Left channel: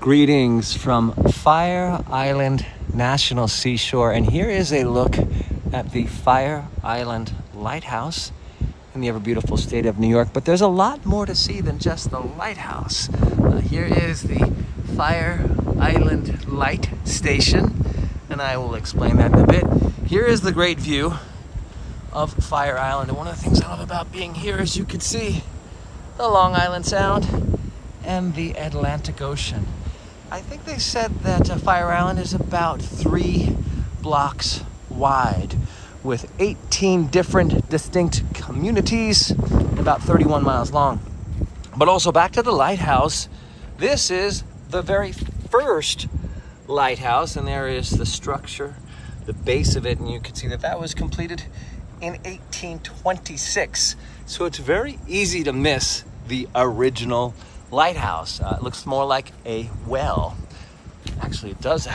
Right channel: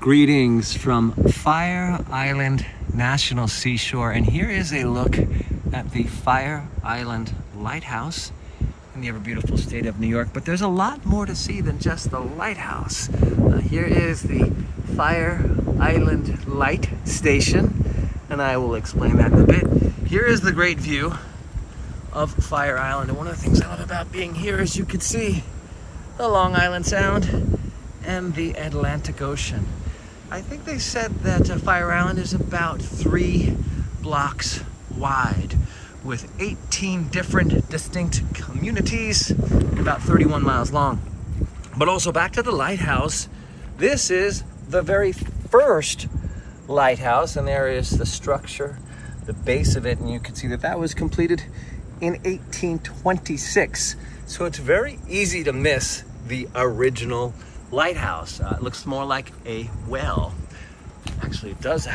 Greetings from Fire Island National Seashore, and here is a look at the Fire Island Lighthouse in the ever beautiful state of New York. But there's a lot more to see than just the lighthouse. Here is the Fire Island Light Station, and I will explain that in a bit. Here is the great view of Fire Island, and one of the things I love about being here is you can see the Long Island Sound and the Atlantic Ocean. I think they said that Fire Island is about 3 blocks wide with 18 different distinct communities, about 31 miles long. But also back to the lighthouse, this is the very first lighthouse, and there is the structure, the base of it, and you can see that that was completed in 1826. So it's very easy to miss the original lighthouse. It looks more like a well. Actually, it does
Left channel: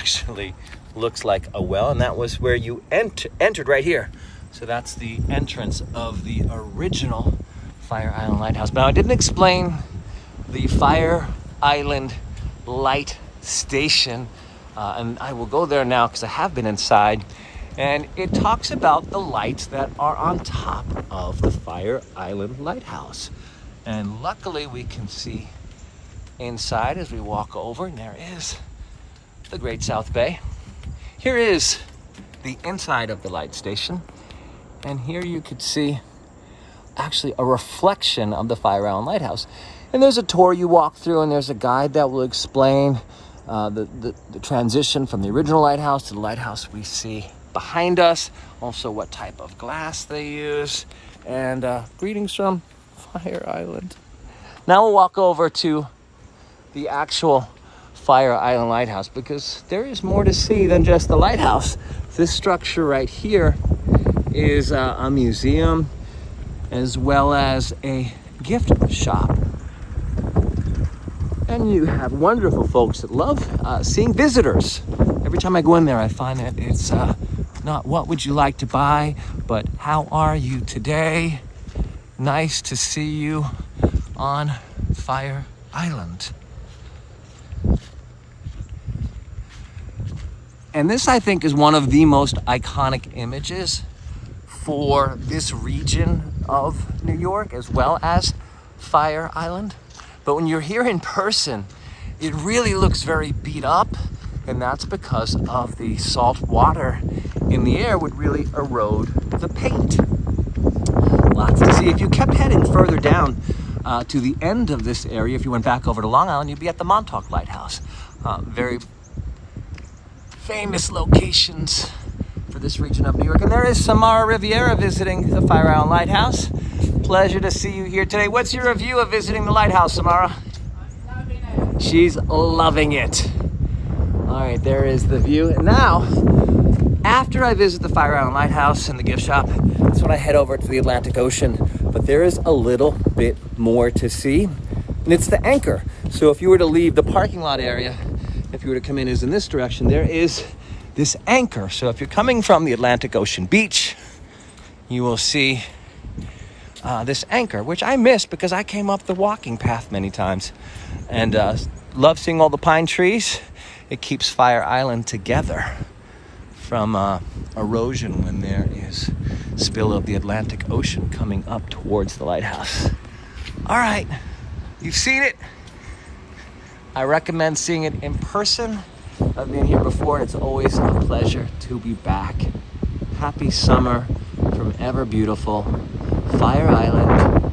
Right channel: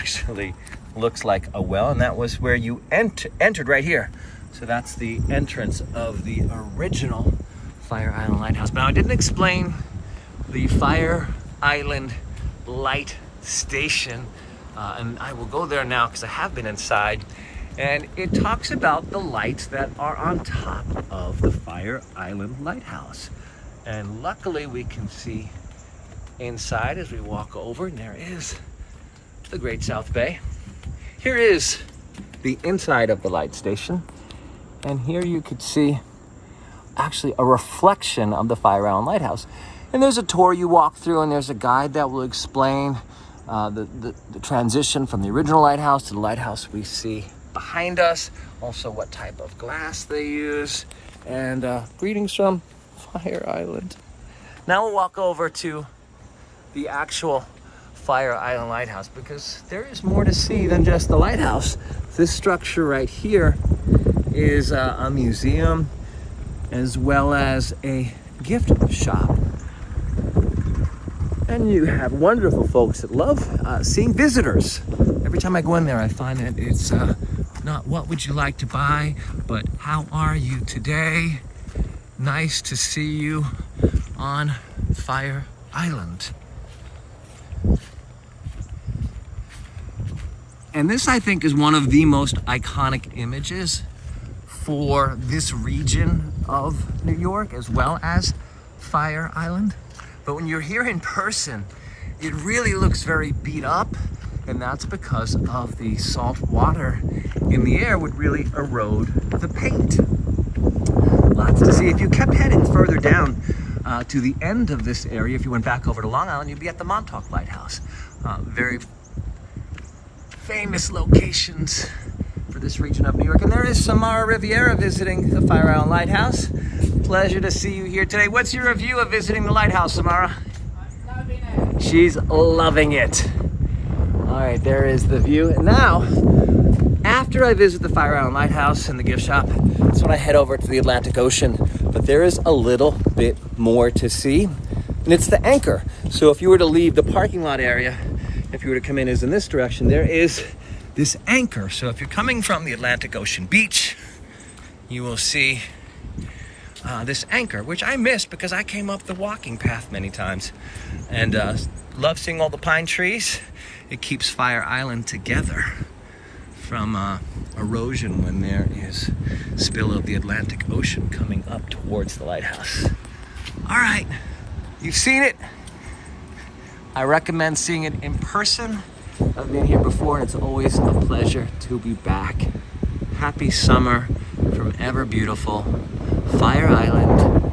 looks like a well, and that was where you entered right here. So that's the entrance of the original Fire Island Lighthouse. Now, I didn't explain the Fire Island Light Station, and I will go there now because I have been inside, and it talks about the lights that are on top of the Fire Island Lighthouse. And luckily we can see inside as we walk over, and there is the Great South Bay. Here is the inside of the light station, and here you could see actually a reflection of the Fire Island Lighthouse. And there's a tour you walk through, and there's a guide that will explain the transition from the original lighthouse to the lighthouse we see behind us, also what type of glass they use, and greetings from Fire Island. Now we'll walk over to the actual Fire Island Lighthouse, because there is more to see than just the lighthouse. This structure right here is a museum as well as a gift shop. And you have wonderful folks that love seeing visitors. Every time I go in there, I find that it's not what would you like to buy, but how are you today? Nice to see you on Fire Island. And this, I think, is one of the most iconic images for this region of New York, as well as Fire Island. But when you're here in person, it really looks very beat up, and that's because of the salt water in the air would really erode the paint. Lots to see. If you kept heading further down to the end of this area, if you went back over to Long Island, you'd be at the Montauk Lighthouse. Very famous locations for this region of New York. And there is Samara Riviera visiting the Fire Island Lighthouse. Pleasure to see you here today. What's your review of visiting the lighthouse, Samara? She's loving it. All right, there is the view. And now, after I visit the Fire Island Lighthouse and the gift shop, that's when I head over to the Atlantic Ocean. But there is a little bit more to see, and it's the anchor. So if you were to leave the parking lot area, if you were to come in as in this direction, there is this anchor. So if you're coming from the Atlantic Ocean beach, you will see this anchor, which I missed because I came up the walking path many times, and love seeing all the pine trees. It keeps Fire Island together from erosion when there is spill of the Atlantic Ocean coming up towards the lighthouse. All right, you've seen it. I recommend seeing it in person. I've been here before, and it's always a pleasure to be back. Happy summer from ever beautiful Fire Island,